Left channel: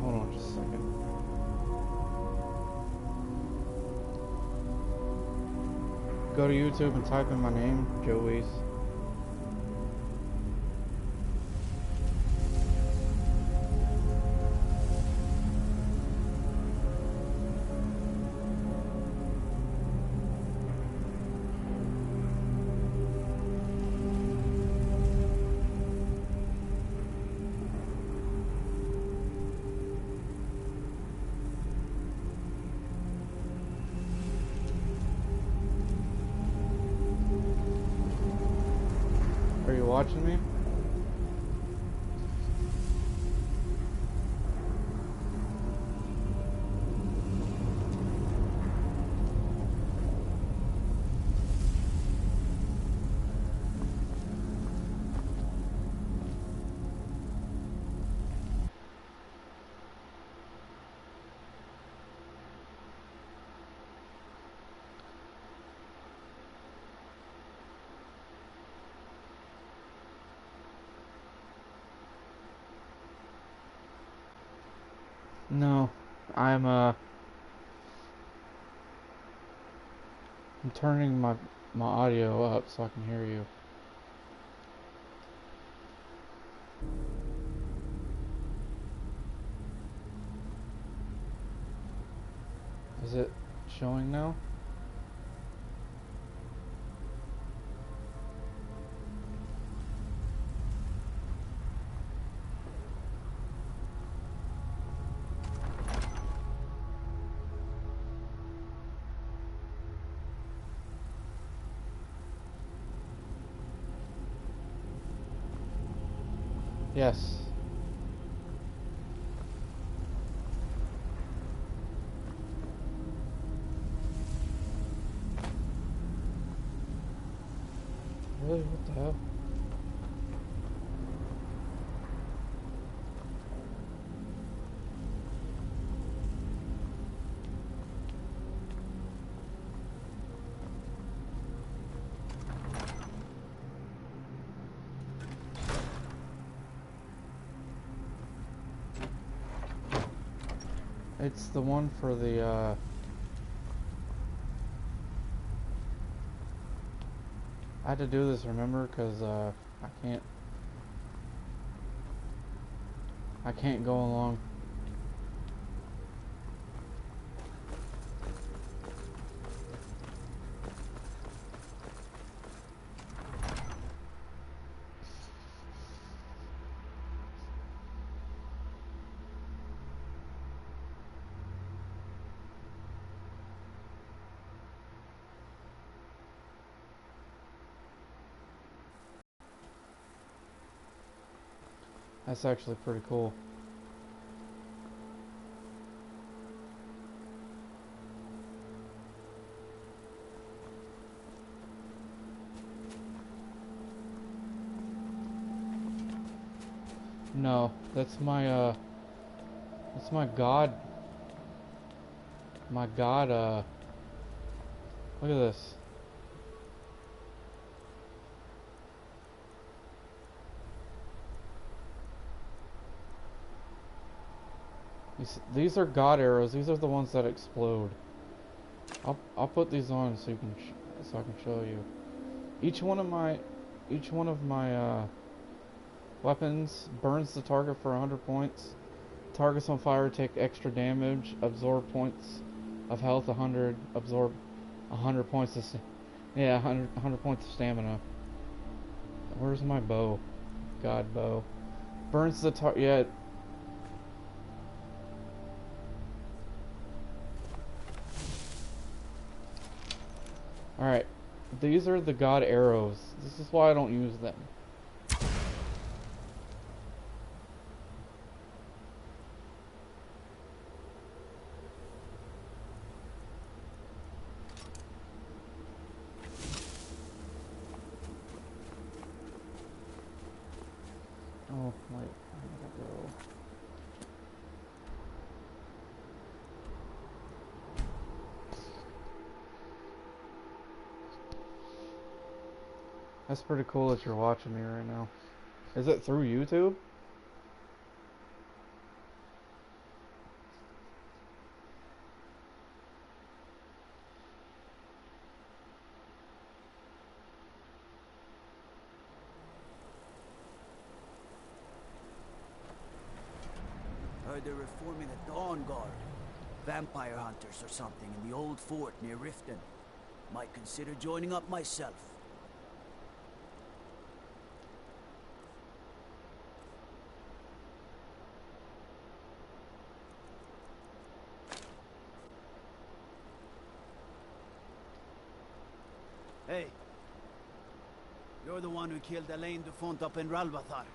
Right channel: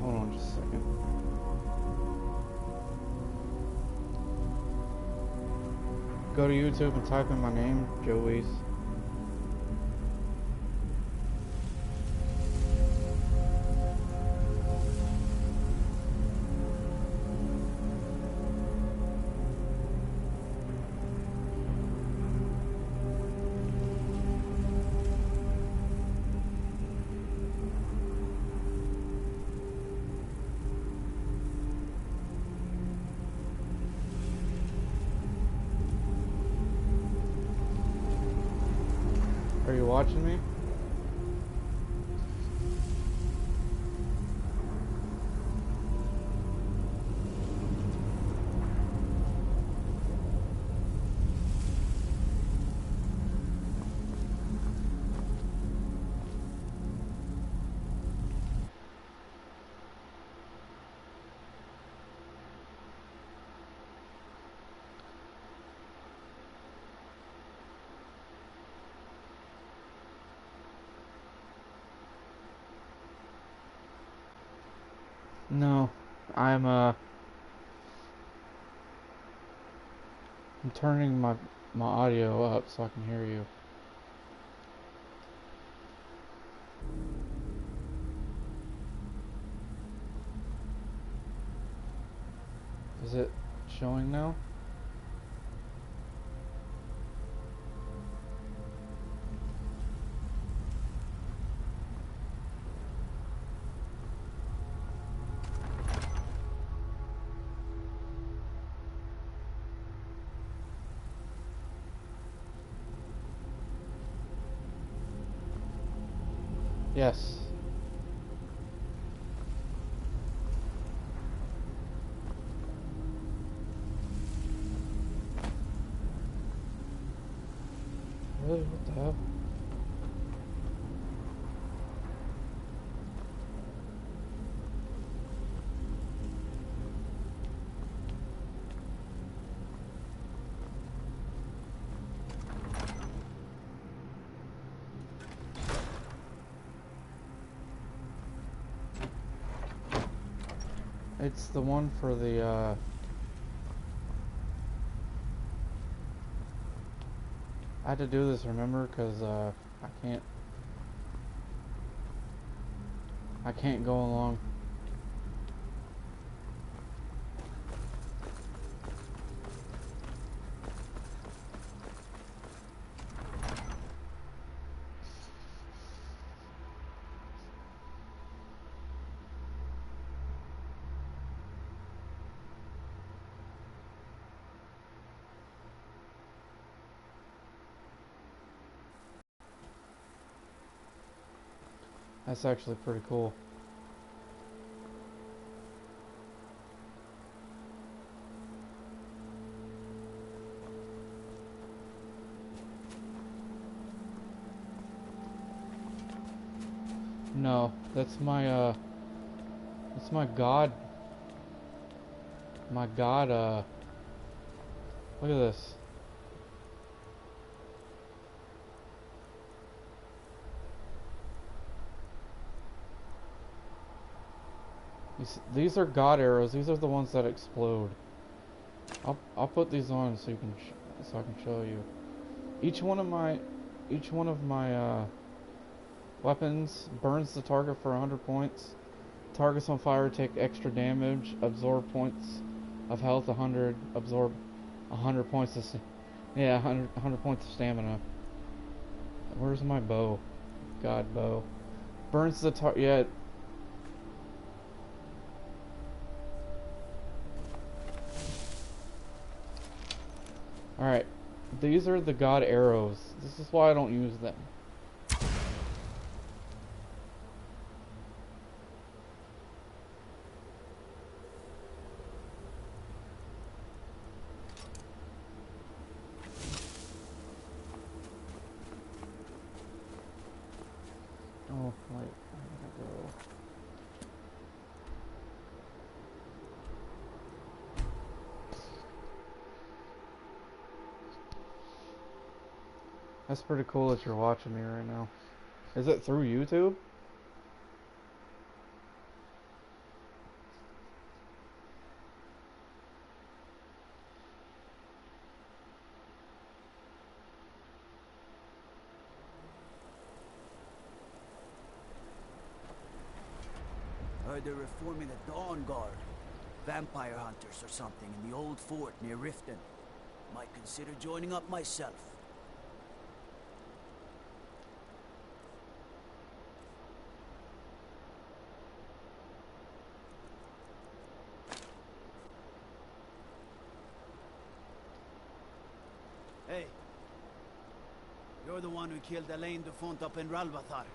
Hold on just a second. Go to YouTube and type in my name, Joey's. Are you watching me? No. I'm turning my audio up so I can hear you. Is it showing now? Yes. Really? What the hell? It's the one for the I had to do this, remember, because I can't I can't go along. That's actually pretty cool. No, that's my god. My god, look at this. These are god arrows. These are the ones that explode. I'll put these on so you can so I can show you. Each one of my weapons burns the target for 100 points. Targets on fire take extra damage. Absorb points of health 100. Absorb 100 points of yeah 100 points of stamina. Where's my bow? God bow. Burns the yeah. Alright. These are the god arrows. This is why I don't use them. Oh, wait. I gotta go. That's pretty cool that you're watching me right now. Is it through YouTube? Heard they're reforming the Dawn Guard. Vampire hunters or something in the old fort near Riften. Might consider joining up myself. Hey. You're the one who killed Elaine Dufont up in Ralbathar.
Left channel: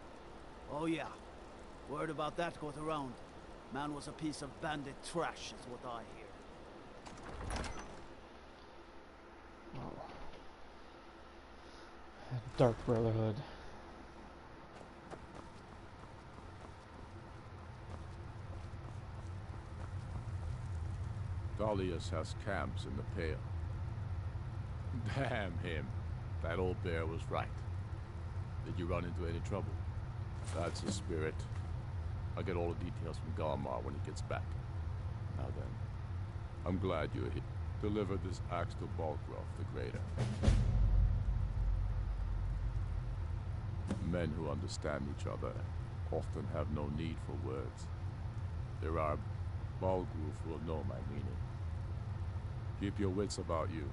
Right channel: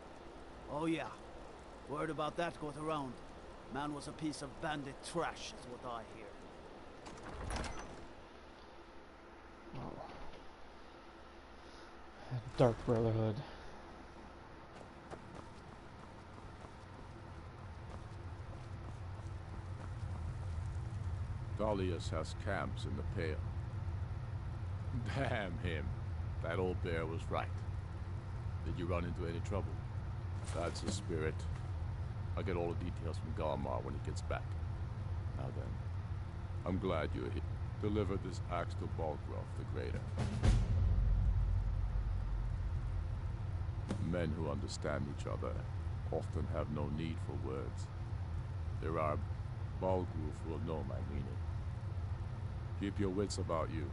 Oh yeah. Word about that got around. Man was a piece of bandit trash, is what I hear. Oh. Dark Brotherhood. Dahlius has camps in the Pale. Damn him. That old bear was right. Did you run into any trouble? That's the spirit. I'll get all the details from Galmar when he gets back. Now then, I'm glad you're here. Deliver this axe to Balgraf the Greater. Men who understand each other often have no need for words. There are Balgruf will know my meaning. Keep your wits about you.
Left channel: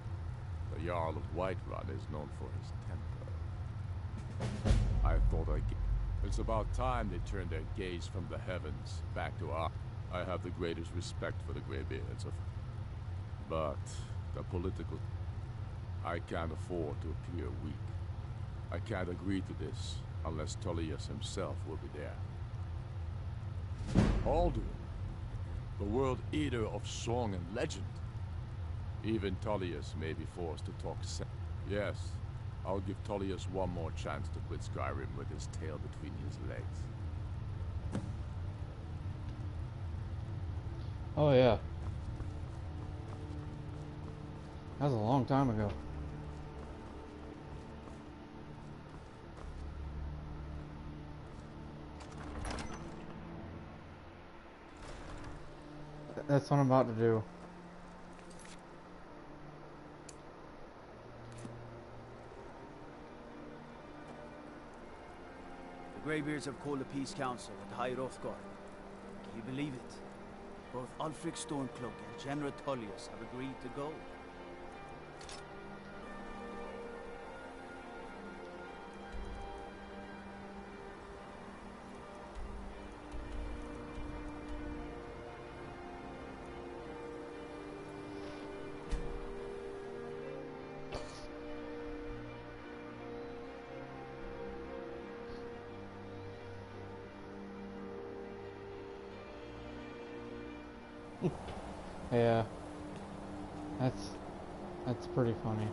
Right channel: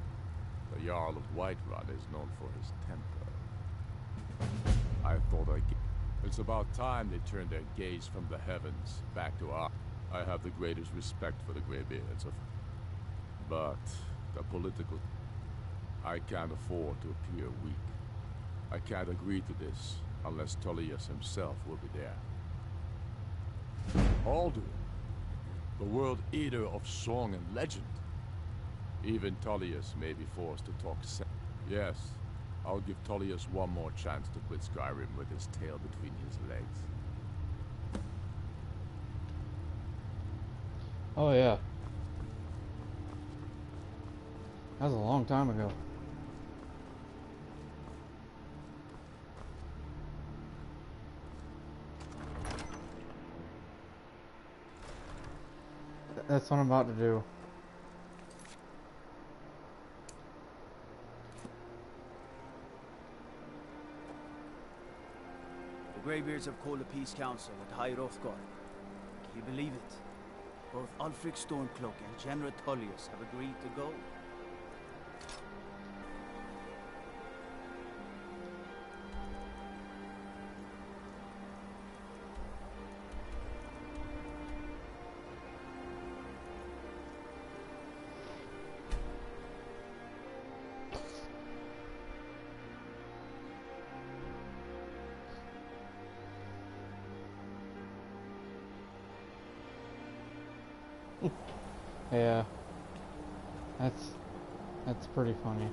The Jarl of Whiterun is known for his temper. I thought it's about time they turned their gaze from the heavens back to our... I have the greatest respect for the Greybeards of... But the political... I can't afford to appear weak. I can't agree to this unless Tullius himself will be there. Alduin, the world eater of song and legend. Even Tullius may be forced to talk sense. Yes, I'll give Tullius one more chance to quit Skyrim with his tail between his legs. Oh yeah. That was a long time ago. That's what I'm about to do. The Greybeards have called a peace council at High Hrothgar. Can you believe it? Both Ulfric Stormcloak and General Tullius have agreed to go. Yeah. That's pretty funny.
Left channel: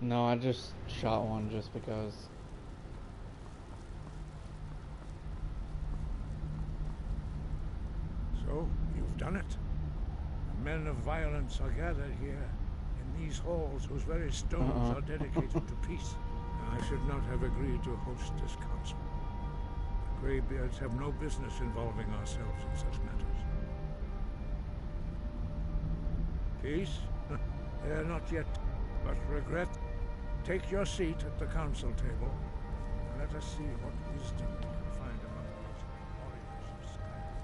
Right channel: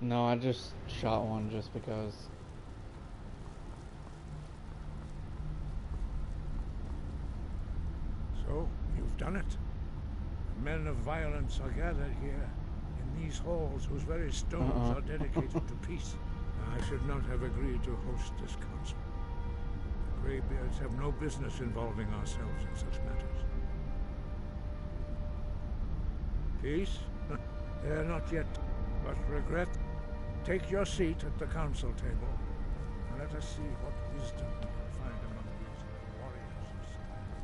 No, I just shot one just because. So, you've done it. The men of violence are gathered here, in these halls whose very stones are dedicated to peace. I should not have agreed to host this council. The Greybeards have no business involving ourselves in such matters. Peace? They are not yet, but regret. Take your seat at the council table, and let us see what wisdom we can find among these warriors of Skyrim.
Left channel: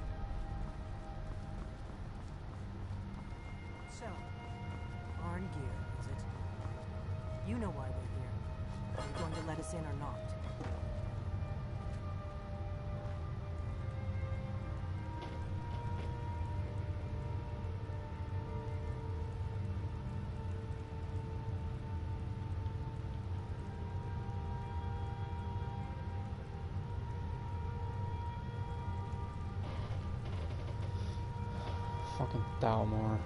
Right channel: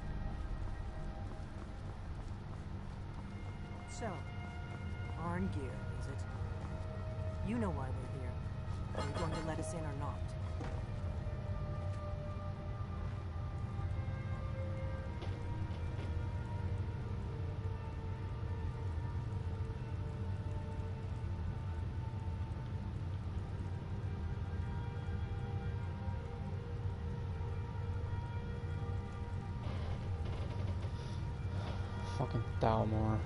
So, Arngeir, is it? You know why we're here. Are you going to let us in or not? Fucking Thalmor.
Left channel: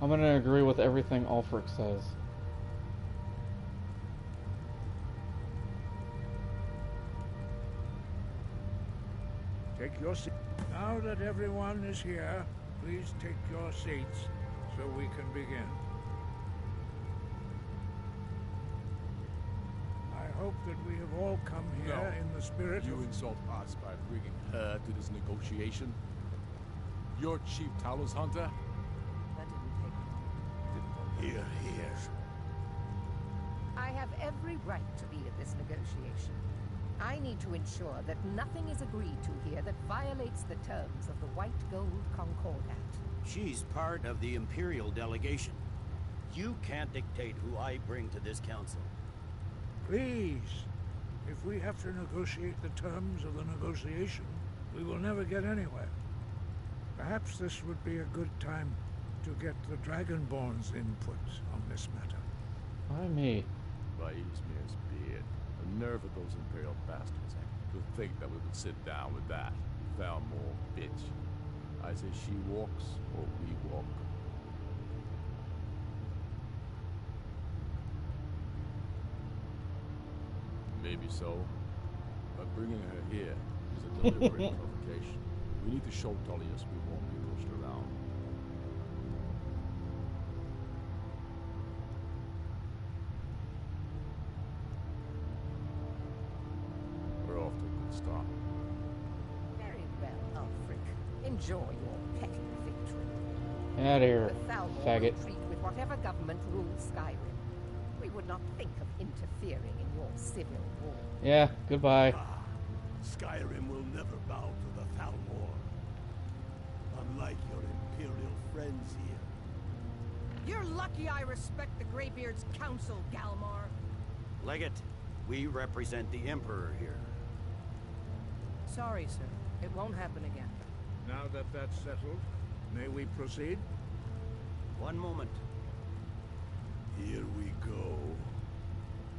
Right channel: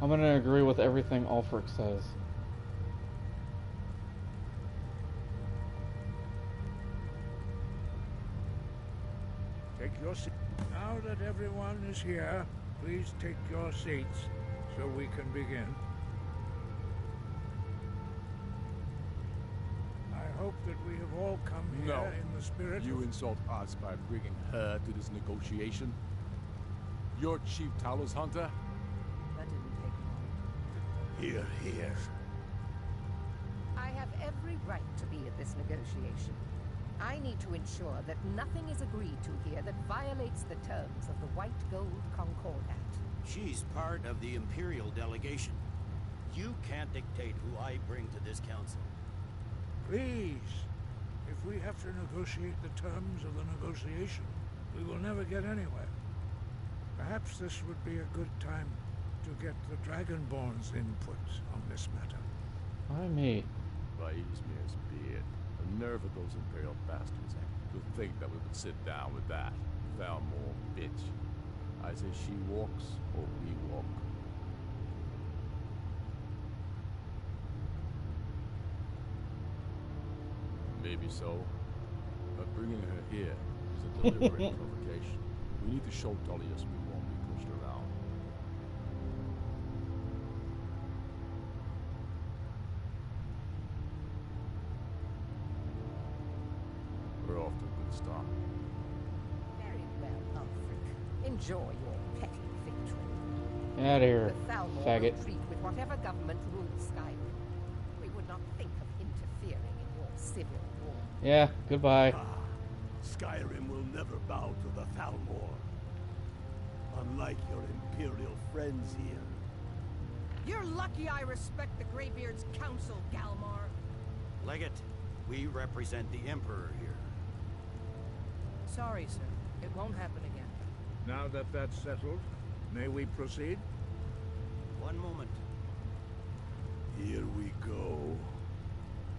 I'm gonna agree with everything Ulfric says. Take your seat. Now that everyone is here, please take your seats so we can begin. hope that we have all come here No. in the spirit You of... insult us by bringing her to this negotiation? You're Chief Talos Hunter? That didn't take long. Here, here. I have every right to be at this negotiation. I need to ensure that nothing is agreed to here that violates the terms of the White Gold Concordat. She's part of the Imperial delegation. You can't dictate who I bring to this council. Please, if we have to negotiate the terms of the negotiation, we will never get anywhere. Perhaps this would be a good time to get the Dragonborn's input on this matter. Why me? By Izmir's beard. The nerve of those Imperial bastards, eh? To think that we would sit down with that Thalmor bitch. I say she walks, or we walk. Maybe so, but bringing her here is a deliberate provocation. We need to show Tullius we won't be pushed around. We're off to a good start. Very well, Ulfric. Enjoy your petty victory. Get out of here, The Thalmor faggot. will treat with whatever government rules Skyrim. We would not think of interfering in your civil war. Yeah, goodbye. Skyrim will never bow to the Thalmor. Unlike your Imperial friends here. You're lucky I respect the Greybeard's counsel, Galmar. Legate, we represent the Emperor here. Sorry, sir. It won't happen again. Now that that's settled, may we proceed? One moment. Here we go.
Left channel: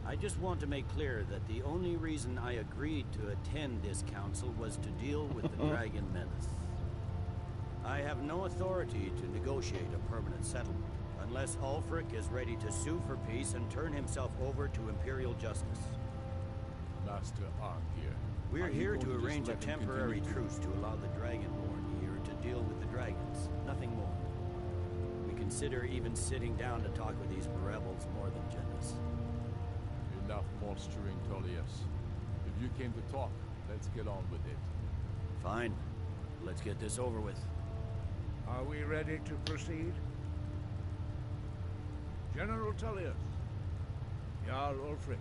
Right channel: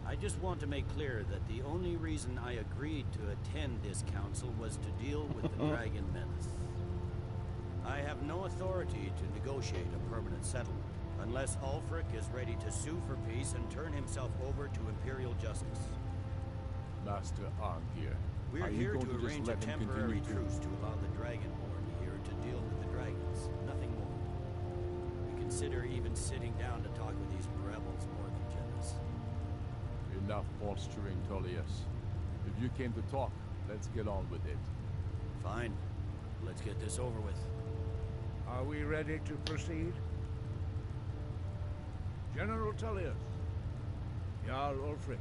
I just want to make clear that the only reason I agreed to attend this council was to deal with the Dragon Menace. I have no authority to negotiate a permanent settlement, unless Ulfric is ready to sue for peace and turn himself over to Imperial justice. Master Arngir. We're are you here going to just arrange a let him temporary continue to- truce to allow the Dragonborn here to deal with the dragons. Nothing more. We consider even sitting down to talk with these rebels more than generous. Enough posturing, Tullius. If you came to talk, let's get on with it. Fine. Let's get this over with. Are we ready to proceed? General Tullius, Jarl Ulfric,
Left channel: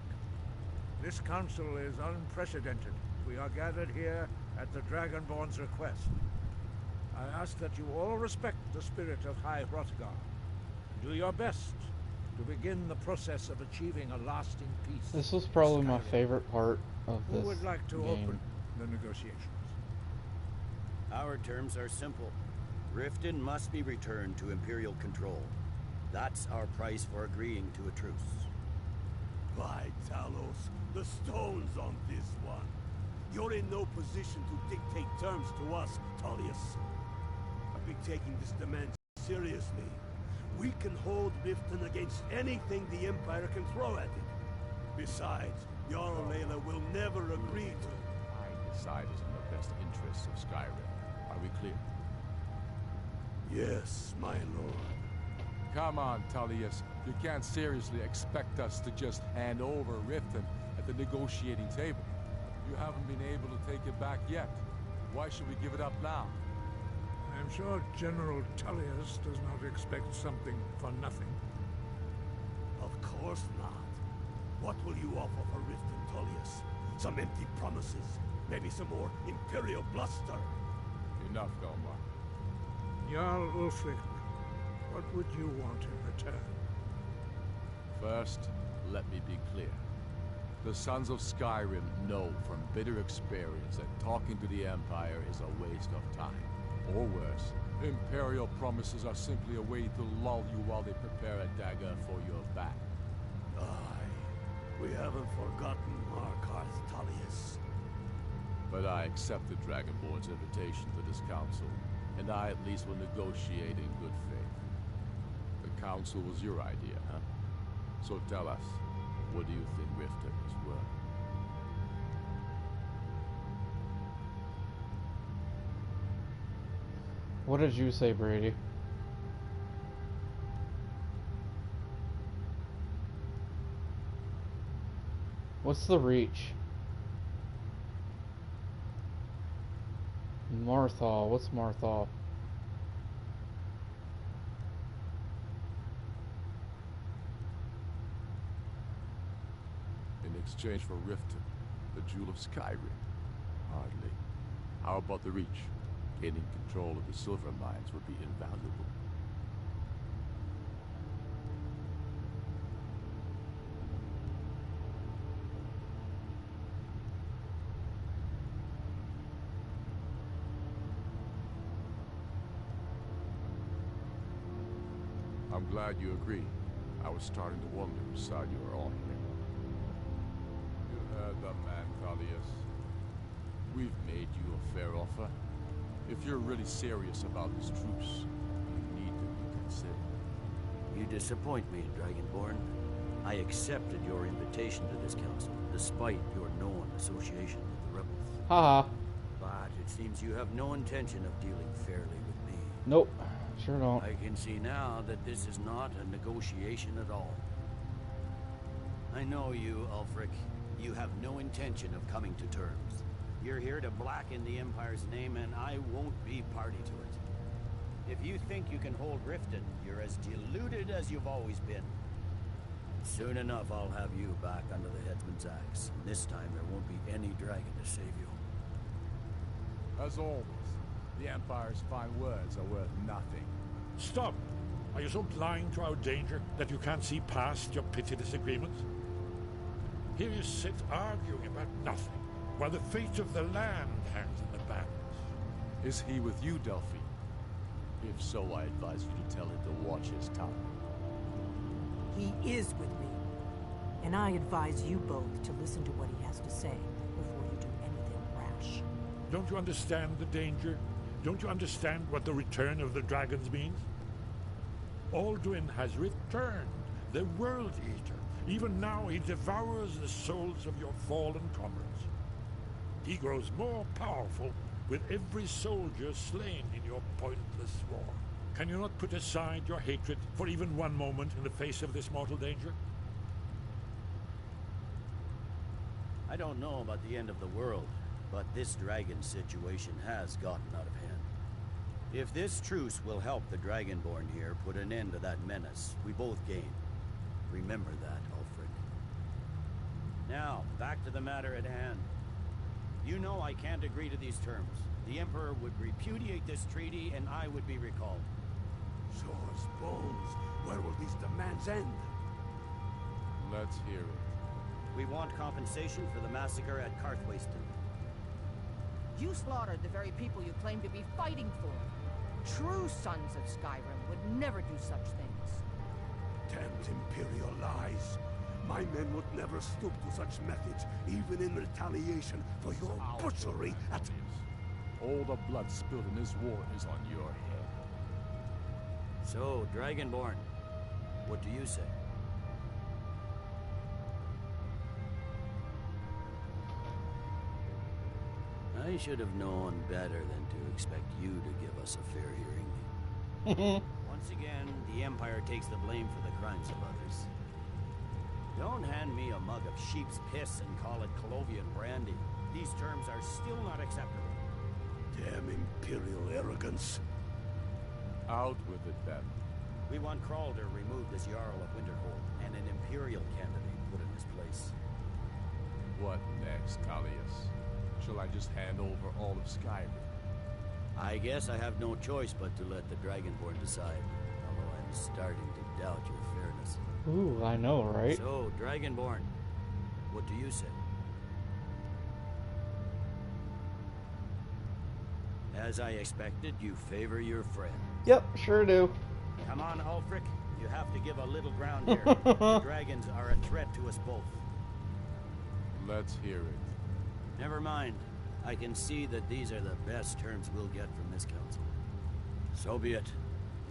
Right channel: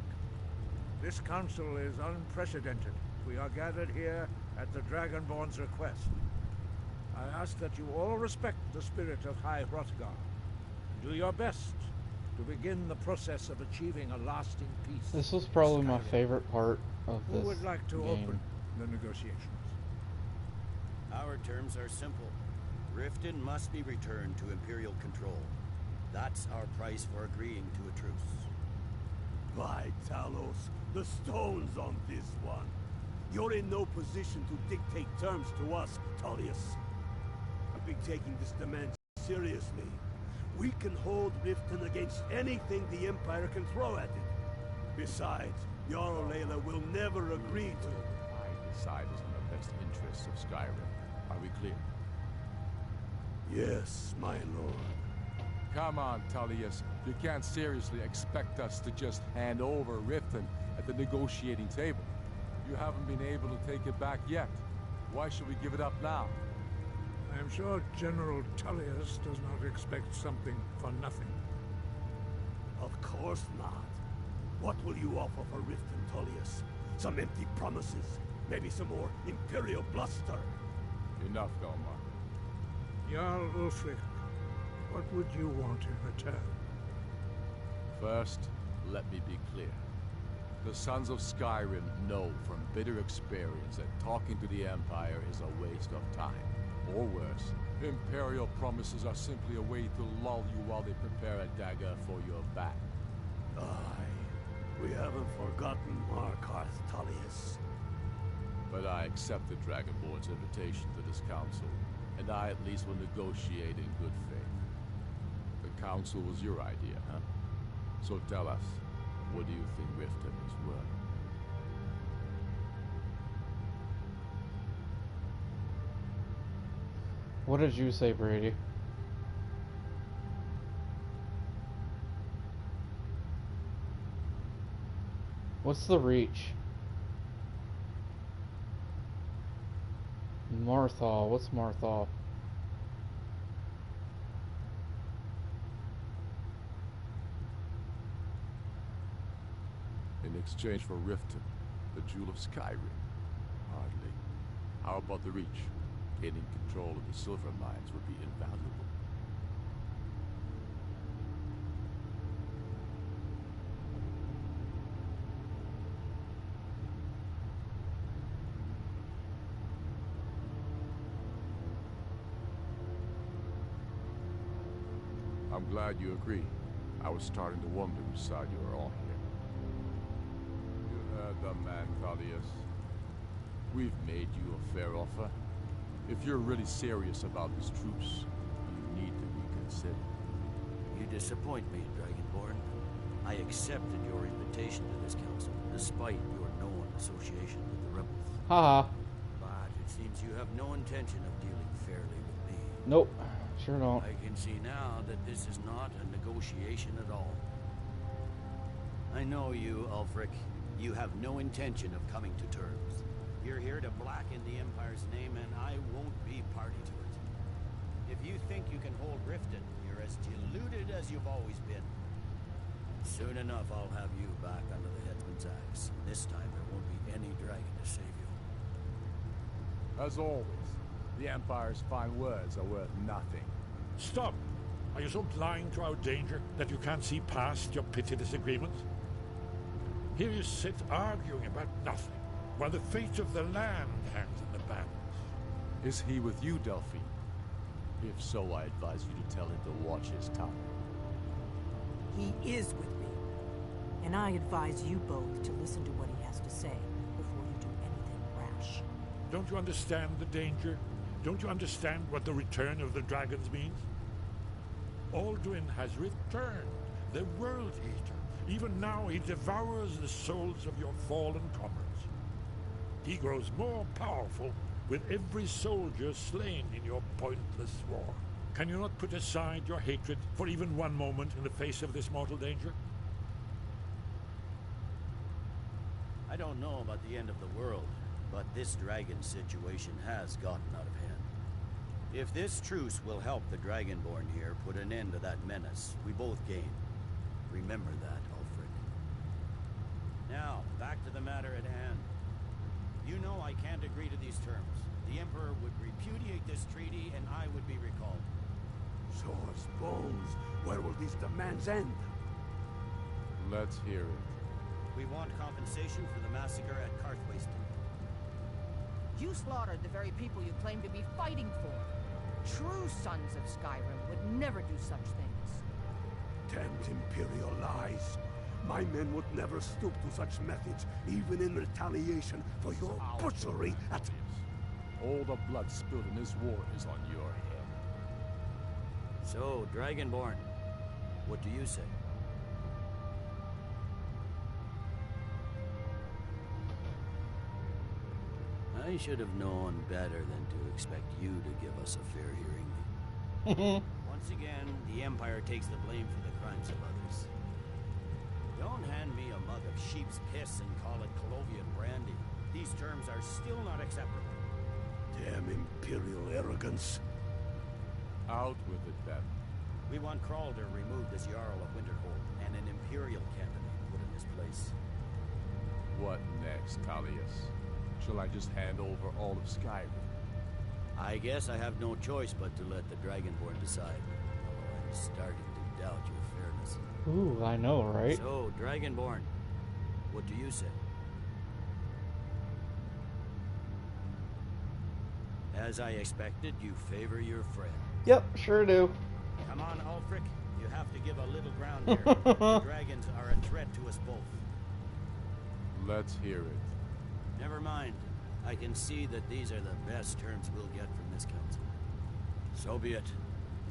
this council is unprecedented. We are gathered here at the Dragonborn's request. I ask that you all respect the spirit of High Hrothgar. Do your best to begin the process of achieving a lasting peace. This was probably my Skyrim. favorite part of Who this would like to game. open the negotiations? Our terms are simple. Riften must be returned to Imperial control. That's our price for agreeing to a truce. By Talos, the stone's on this one. You're in no position to dictate terms to us, Tullius. I've been taking this demand seriously. We can hold Riften against anything the Empire can throw at it. Besides, Jarl Layla will never agree to... I decide is in the best interests of Skyrim. Are we clear? Yes, my lord. Come on, Tullius. You can't seriously expect us to just hand over Riften at the negotiating table. You haven't been able to take it back yet. Why should we give it up now? I am sure General Tullius does not expect something for nothing. Of course not. What will you offer for Riften, Tullius? Some empty promises? Maybe some more Imperial bluster? Enough, Galmar. Jarl Ulfric, what would you want in return? First, let me be clear. The Sons of Skyrim know from bitter experience that talking to the Empire is a waste of time. Or worse, Imperial promises are simply a way to lull you while they prepare a dagger for your back. Aye, we haven't forgotten Markarth, Tullius. But I accept the Dragonborn's invitation to this council, and I at least will negotiate in good faith. The council was your idea, huh? So tell us, what do you think Riften is worth? What did you say, Brady? What's the reach? Marthal. What's Marthal? In exchange for Riften, the Jewel of Skyrim. Hardly. How about the reach? Gaining control of the silver mines would be invaluable. I'm glad you agree. I was starting to wonder whose side you were on here. You heard the man, Thalius. We've made you a fair offer. If you're really serious about this truce, you need to reconsider. You disappoint me, Dragonborn. I accepted your invitation to this council, despite your known association with the rebels. Haha. But it seems you have no intention of dealing fairly with me. Nope. Sure don't. I can see now that this is not a negotiation at all. I know you, Ulfric. You have no intention of coming to terms. You're here to blacken the Empire's name, and I won't be party to it. If you think you can hold Riften, you're as deluded as you've always been. Soon enough, I'll have you back under the headsman's axe. And this time, there won't be any dragon to save you. As always, the Empire's fine words are worth nothing. Stop! Are you so blind to our danger that you can't see past your petty disagreements? Here you sit arguing about nothing, while the fate of the land hangs in the balance. Is he with you, Delphine? If so, I advise you to tell him to watch his tongue. He is with me. And I advise you both to listen to what he has to say before you do anything rash. Don't you understand the danger? Don't you understand what the return of the dragons means? Alduin has returned, the World Eater. Even now he devours the souls of your fallen comrades. He grows more powerful with every soldier slain in your pointless war. Can you not put aside your hatred for even one moment in the face of this mortal danger? I don't know about the end of the world, but this dragon situation has gotten out of hand. If this truce will help the Dragonborn here put an end to that menace, we both gain. Remember that, Ulfric. Now, back to the matter at hand. You know I can't agree to these terms. The Emperor would repudiate this treaty, and I would be recalled. Show us bones. Where will these demands end? Let's hear it. We want compensation for the massacre at Karthwasten. You slaughtered the very people you claim to be fighting for. True sons of Skyrim would never do such things. Damned Imperial lies. My men would never stoop to such methods, even in retaliation for your butchery at... All the blood spilled in this war is on your head. So, Dragonborn, what do you say? I should have known better than to expect you to give us a fair hearing. Once again, the Empire takes the blame for the crimes of others. Don't hand me a mug of sheep's piss and call it Colovian brandy. These terms are still not acceptable. Damn Imperial arrogance. Out with it, then. We want Kralder removed as Jarl of Winterhold, and an Imperial candidate put in his place. What next, Callius? Shall I just hand over all of Skyrim? I guess I have no choice but to let the Dragonborn decide, although I'm starting to doubt your fairness. Ooh, I know, right? So, Dragonborn, what do you say? As I expected, you favor your friend. Yep, sure do. Come on, Ulfric. You have to give a little ground here. The dragons are a threat to us both. Let's hear it. Never mind. I can see that these are the best terms we'll get from this council. So be it.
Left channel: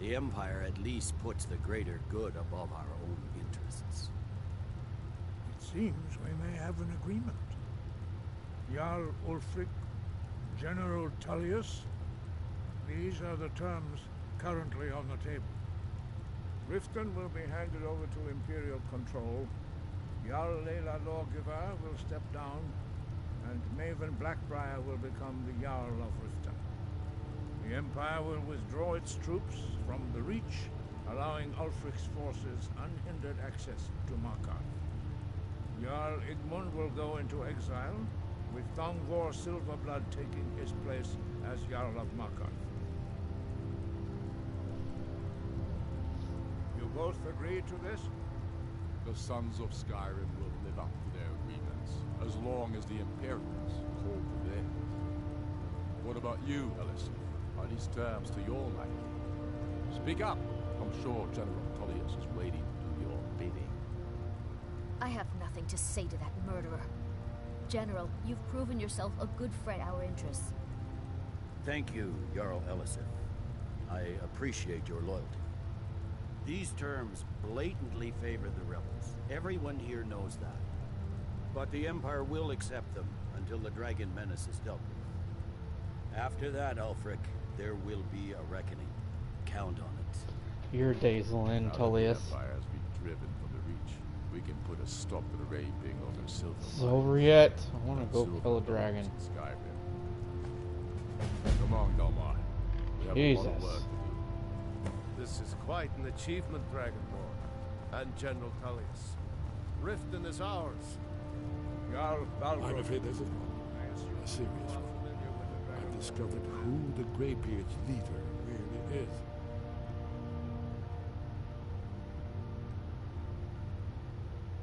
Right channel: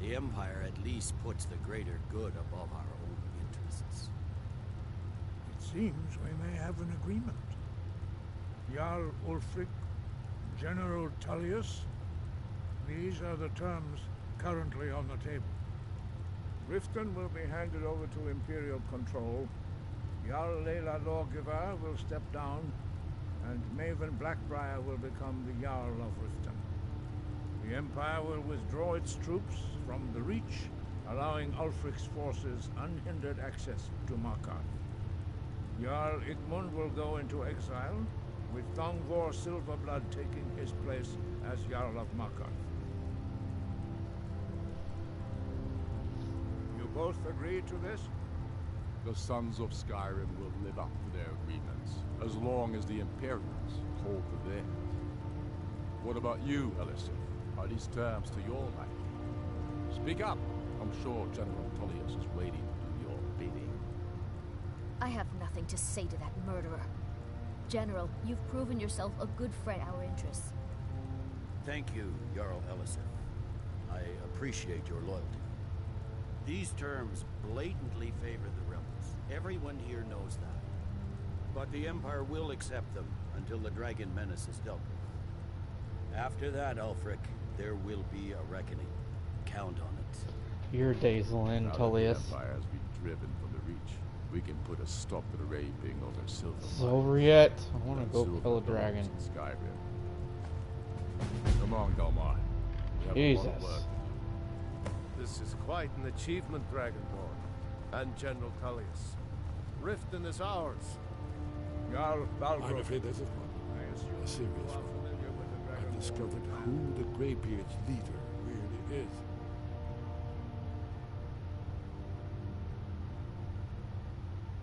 The Empire at least puts the greater good above our own interests. It seems we may have an agreement. Jarl Ulfric, General Tullius, these are the terms currently on the table. Riften will be handed over to Imperial control, Jarl Layla Lawgiver will step down, and Maven Blackbriar will become the Jarl of Riften. The Empire will withdraw its troops from the Reach, allowing Ulfric's forces unhindered access to Markarth. Jarl Igmund will go into exile, with Thongvor Silverblood taking his place as Jarl of Markarth. You both agree to this? The Sons of Skyrim will live up to their agreements, as long as the Imperials hold to theirs. What about you, Elisif? Are these terms to your liking? Speak up! I'm sure General Tullius is waiting to do your bidding. I have nothing to say to that murderer. General, you've proven yourself a good friend to our interests. Thank you, Jarl Elisif. I appreciate your loyalty. These terms blatantly favor the rebels. Everyone here knows that. But the Empire will accept them until the Dragon Menace is dealt with. After that, Ulfric, there will be a reckoning. Count on it. Your days will end, Now that Tullius. the Empire has been driven from the Reach, we can put a stop to the raping over silver. It's over yet. I want and to go silver kill a mines dragon. in Skyrim. Come on, Dalmar. We have a lot Jesus. of work to do. This is quite an achievement, Dragonborn. And General Tullius. Riften is ours. Jarl Balgruuf. I'm afraid there's a problem. A serious one. I've discovered who the Greybeard's leader really is.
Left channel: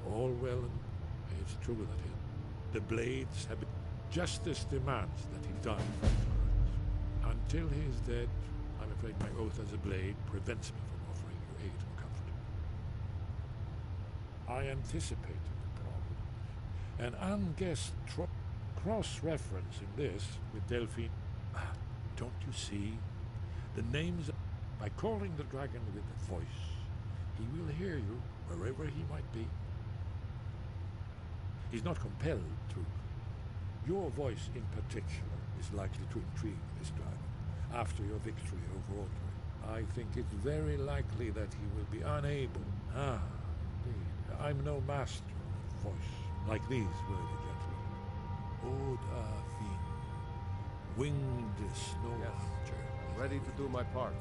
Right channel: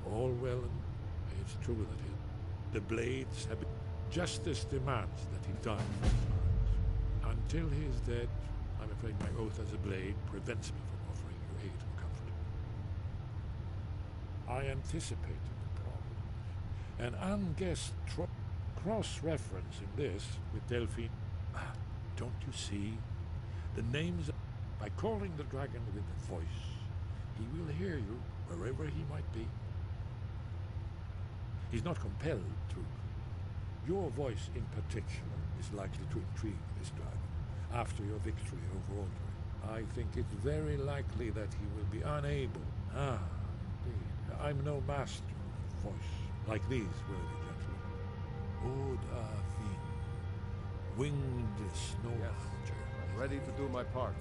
All well, and it's true that the Blades have been... Justice demands that he die for his crimes. Until he is dead, I'm afraid my oath as a Blade prevents me from offering you aid or comfort. I anticipated the problem. An unguessed cross-reference in this with Delphine. Don't you see? The names... By calling the dragon with a voice, he will hear you wherever he might be. He's not compelled to. Your voice in particular is likely to intrigue this dragon after your victory over Aldrich. I think it's very likely that he will be unable. Indeed. I'm no master of voice, like these worthy gentlemen. Odafin, winged snow archer. I'm ready to do my part.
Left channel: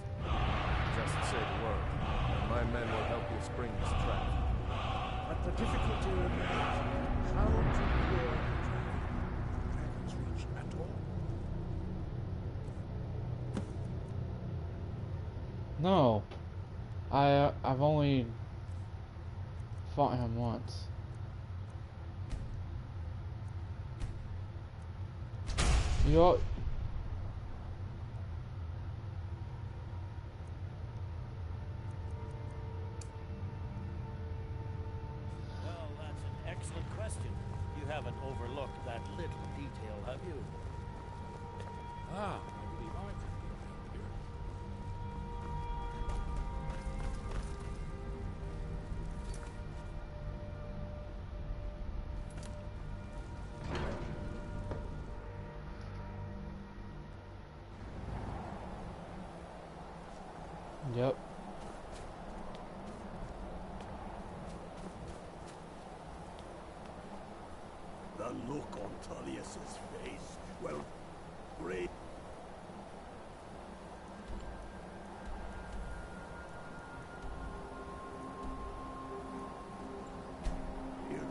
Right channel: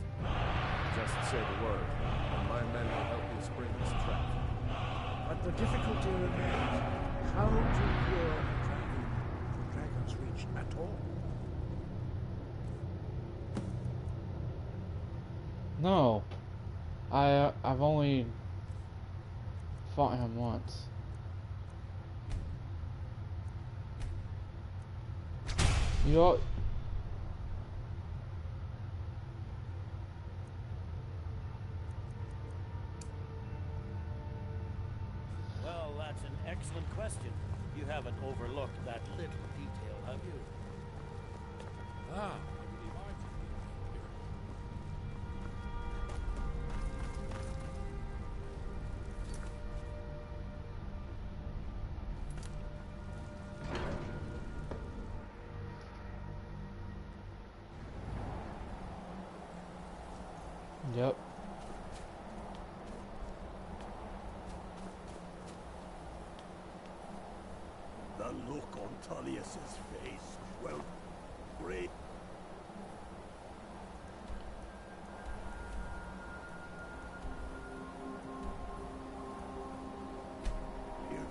Just say the word, and my men will help you spring this trap. But the difficulty remains how to lure a dragon to Dragon's Reach at all. No. I've only fought him once. You all... Well, that's an excellent question. You haven't overlooked that little detail, have you? I believe I can help here. Yep. The look on Tullius's face. Well, great. Here,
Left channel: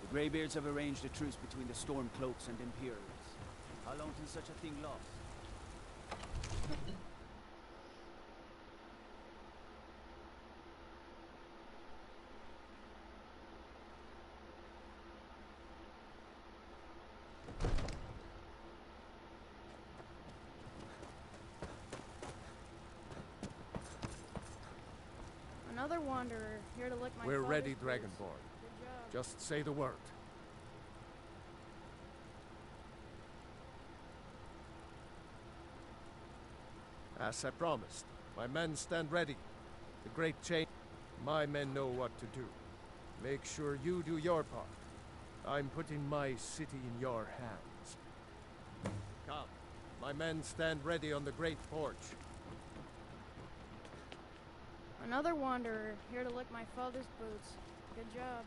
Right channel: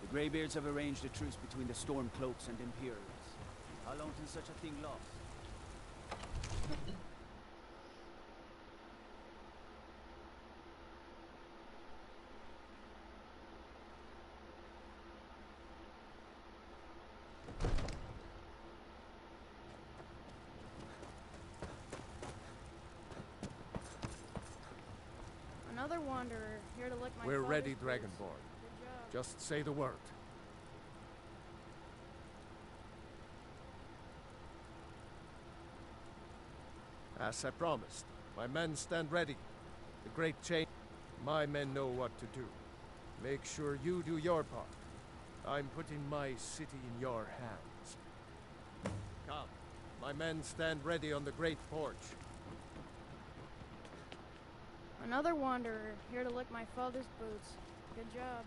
The Greybeards have arranged a truce between the Stormcloaks and Imperials. How long can such a thing last? Another wanderer, here to lick my We're father's ready, boots. Dragonborn. Good job. Just say the word. As I promised, my men stand ready. The great change. My men know what to do. Make sure you do your part. I'm putting my city in your hands. Come. My men stand ready on the great porch. Another wanderer, here to lick my father's boots. Good job.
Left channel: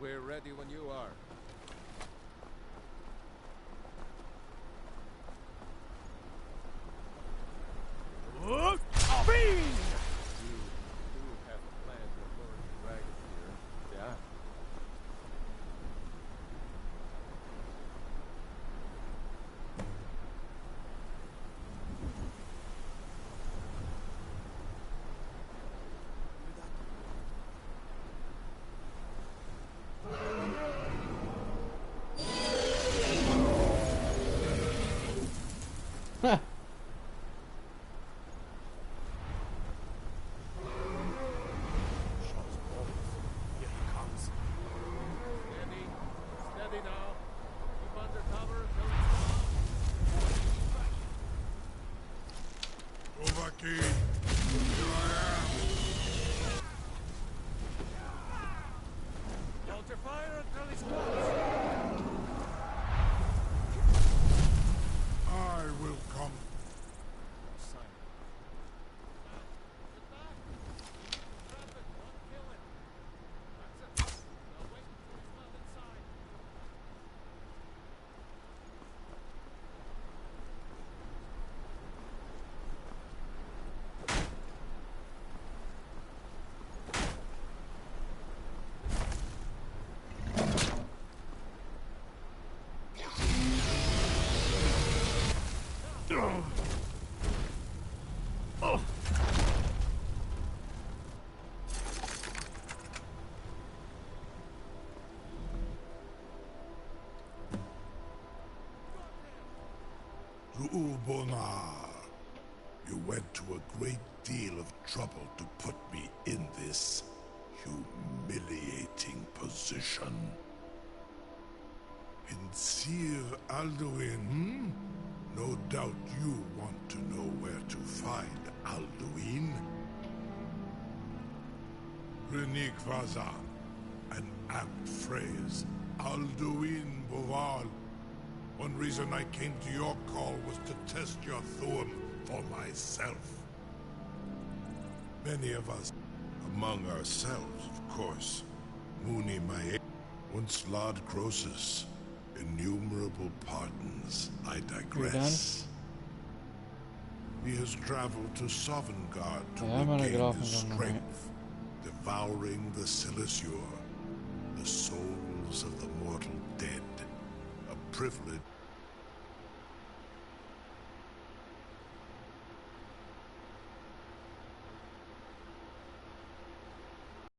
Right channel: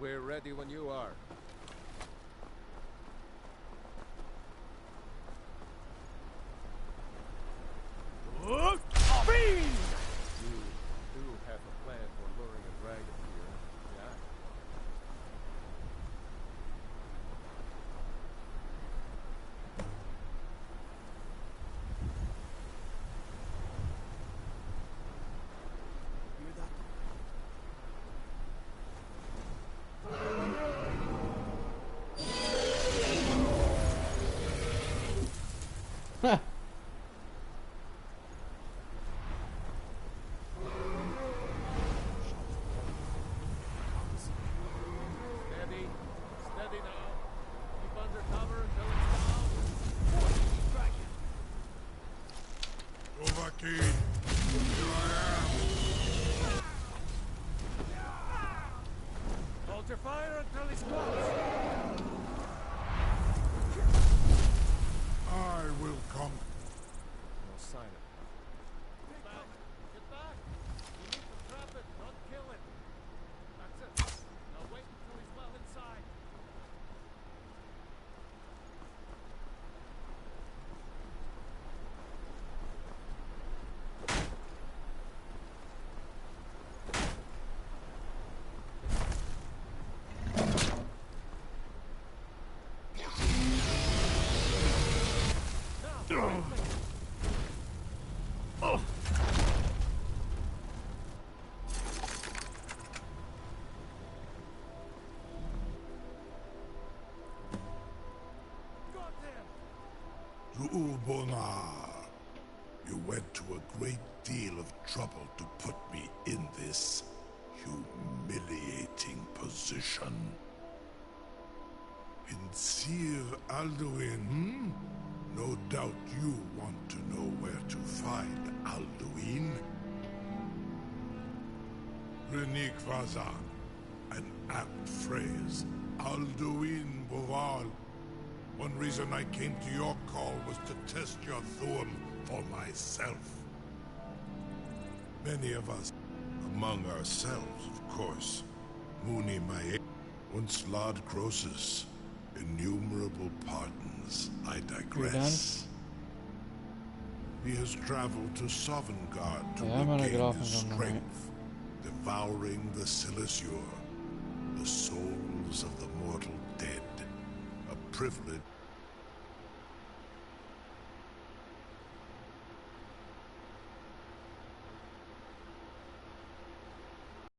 We're ready when you are. Fiend! You do have a plan for luring a dragon here, yeah? Huh. Steady. Steady now. Keep under cover until it's down. Dovahkiin, here I am. Hold your fire until he's close. I will come. No sign. Get back! Get back! You need to trap it, not kill it. That's it. Now wait until he's well inside. Ulbonar, you went to a great deal of trouble to put me in this humiliating position. In Sir Alduin, hmm? No doubt you want to know where to find Alduin. Renik Vazan, an apt phrase. Alduin Boval. One reason I came to your call was to test your Thuum for myself. Many of us, among ourselves, of course, Mooney Mae, once Lord Croesus, innumerable pardons, I digress. He has traveled to Sovngarde to regain his strength, devouring the Silesure, the souls of the mortal dead. A privilege